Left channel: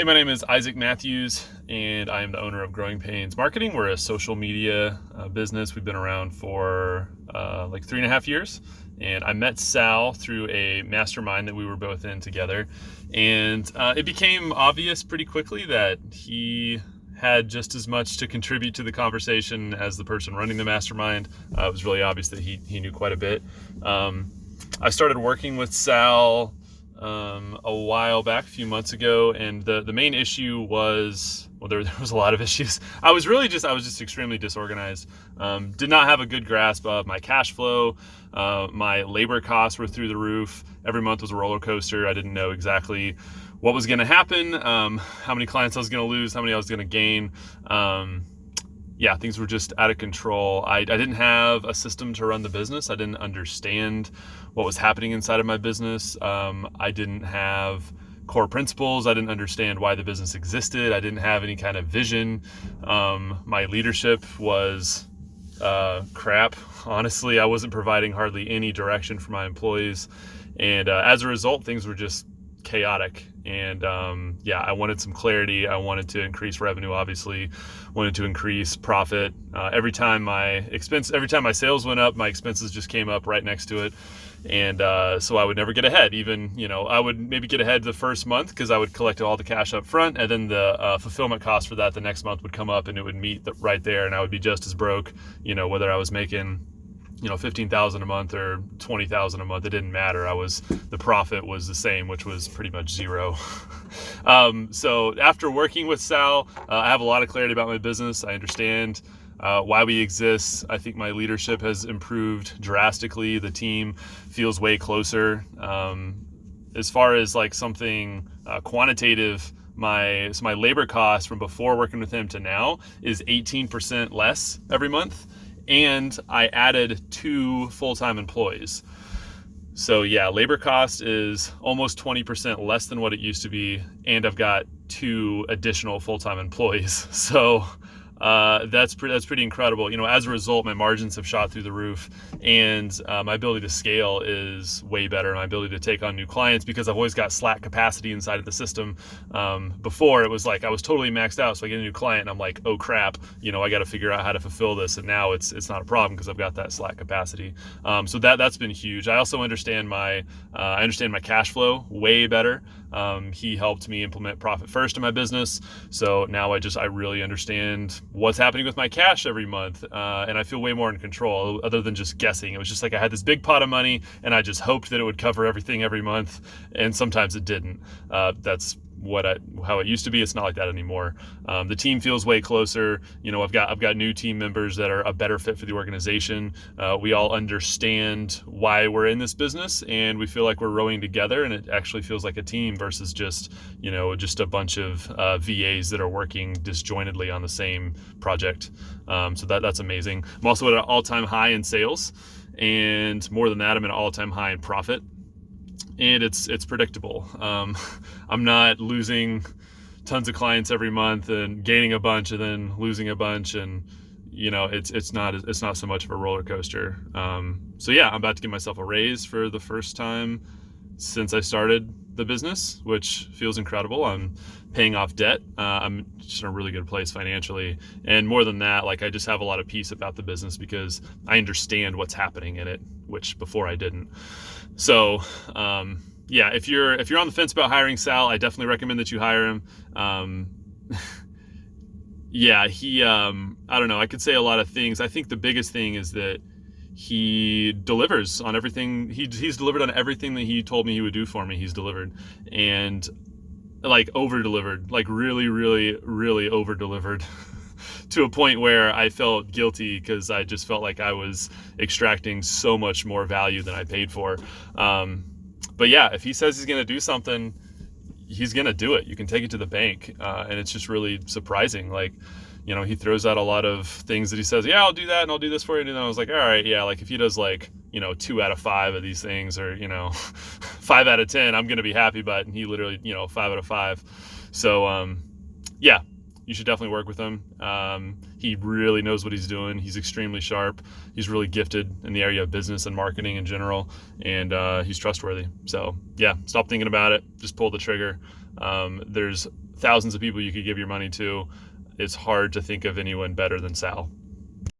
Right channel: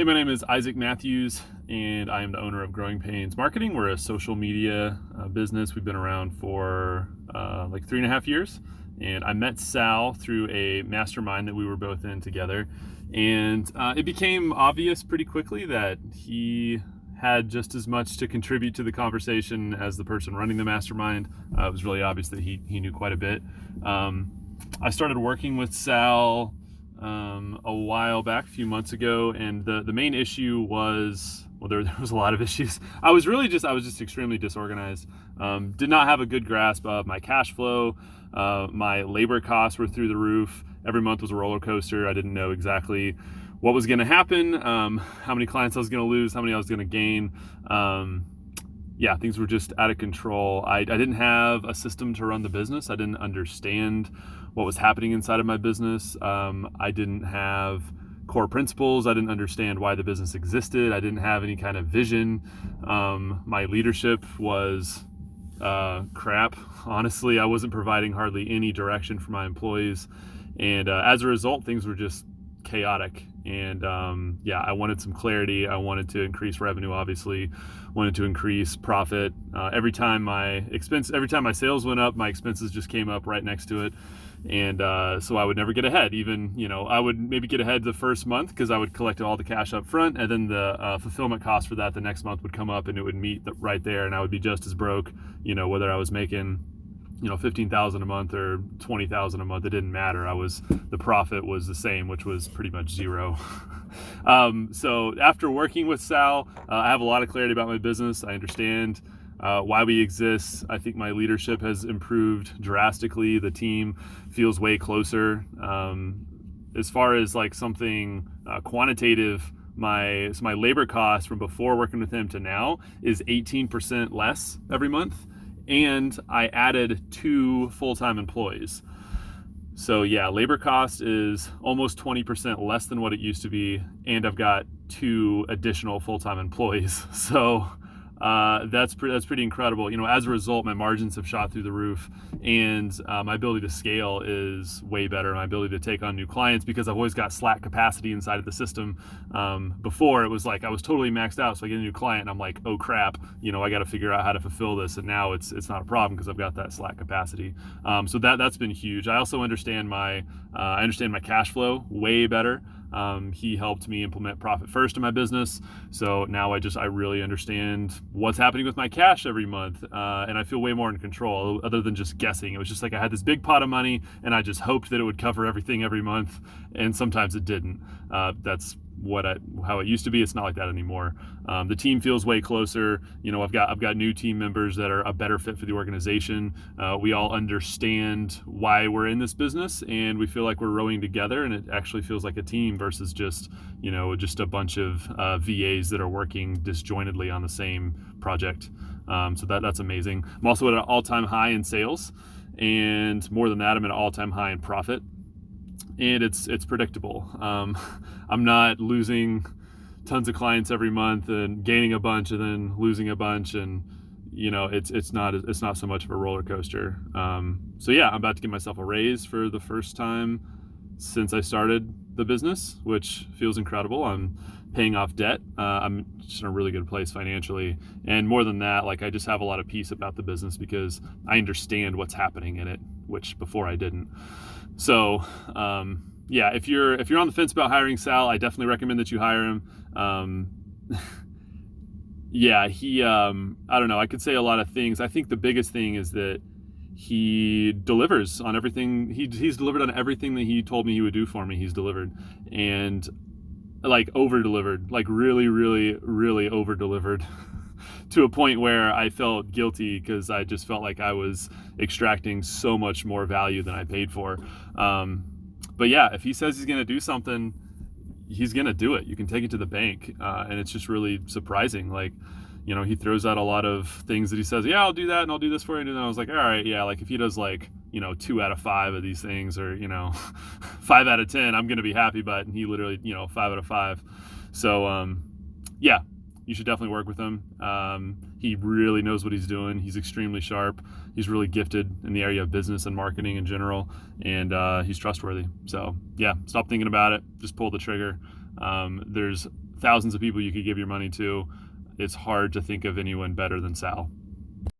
Hey, my name is Isaac Matthews, and I am the owner of Growing Pains Marketing. We're a social media business. We've been around for like 3.5 years. And I met Sal through a mastermind that we were both in together. And it became obvious pretty quickly that he had just as much to contribute to the conversation as the person running the mastermind. It was really obvious that he knew quite a bit. I started working with Sal a while back, a few months ago, and the main issue was, well, there was a lot of issues. I was just extremely disorganized. Did not have a good grasp of my cash flow. My labor costs were through the roof. Every month was a roller coaster. I didn't know exactly what was going to happen, how many clients I was going to lose, how many I was going to gain. Yeah, things were just out of control. I didn't have a system to run the business. I didn't understand what was happening inside of my business. I didn't have core principles. I didn't understand why the business existed. I didn't have any kind of vision. My leadership was crap. Honestly, I wasn't providing hardly any direction for my employees. And as a result, things were just chaotic. And I wanted some clarity. I wanted to increase revenue, obviously, wanted to increase profit. Every time my sales went up, my expenses just came up right next to it. And so I would never get ahead. Even, I would maybe get ahead the first month because I would collect all the cash up front, and then the fulfillment cost for that the next month would come up and it would meet right there, and I would be just as broke, whether I was making $15,000 a month or $20,000 a month. It didn't matter. The profit was the same, which was pretty much zero. So after working with Sal, I have a lot of clarity about my business. I understand why we exist. I think my leadership has improved drastically. The team feels way closer. As far as like something quantitative, my labor cost from before working with him to now is 18% less every month. And I added 2 full-time employees. So yeah, labor cost is almost 20% less than what it used to be. And I've got 2 additional full-time employees. So that's pretty incredible. As a result, my margins have shot through the roof, and my ability to scale is way better. My ability to take on new clients, because I've always got slack capacity inside of the system. Before, it was like I was totally maxed out, so I get a new client and I'm like, oh crap, I got to figure out how to fulfill this. And now it's not a problem because I've got that slack capacity. So that's been huge. I also understand my cash flow way better. He helped me implement profit first in my business. So now I really understand what's happening with my cash every month. And I feel way more in control, other than just guessing. It was just like I had this big pot of money and I just hoped that it would cover everything every month. And sometimes it didn't. That's how it used to be. It's not like that anymore. The team feels way closer. I've got new team members that are a better fit for the organization. We all understand why we're in this business, and we feel like we're rowing together, and it actually feels like a team versus just a bunch of VAs that are working disjointedly on the same project. So that's amazing. I'm also at an all-time high in sales, and more than that, I'm at an all-time high in profit. And it's predictable. I'm not losing tons of clients every month and gaining a bunch and then losing a bunch, and it's not so much of a roller coaster. So yeah, I'm about to give myself a raise for the first time since I started the business, which feels incredible. I'm paying off debt. I'm just in a really good place financially, and more than that, like I just have a lot of peace about the business because I understand what's happening in it, which before I didn't. So, if you're on the fence about hiring Sal, I definitely recommend that you hire him. I don't know, I could say a lot of things. I think the biggest thing is that he delivers on everything. He's delivered on everything that he told me he would do for me. He's delivered, and like over-delivered, like really, really, really over-delivered. To a point where I felt guilty because I just felt like I was extracting so much more value than I paid for. But yeah, if he says he's going to do something, he's going to do it. You can take it to the bank. And it's just really surprising. Like, he throws out a lot of things that he says, yeah, I'll do that and I'll do this for you. And I was like, all right, yeah, like if he does like, 2 out of 5 of these things, or, 5 out of 10, I'm going to be happy. But he literally, 5 out of 5. So, yeah. You should definitely work with him. He really knows what he's doing. He's extremely sharp. He's really gifted in the area of business and marketing in general, and he's trustworthy. So yeah, stop thinking about it. Just pull the trigger. There's thousands of people you could give your money to. It's hard to think of anyone better than Sal.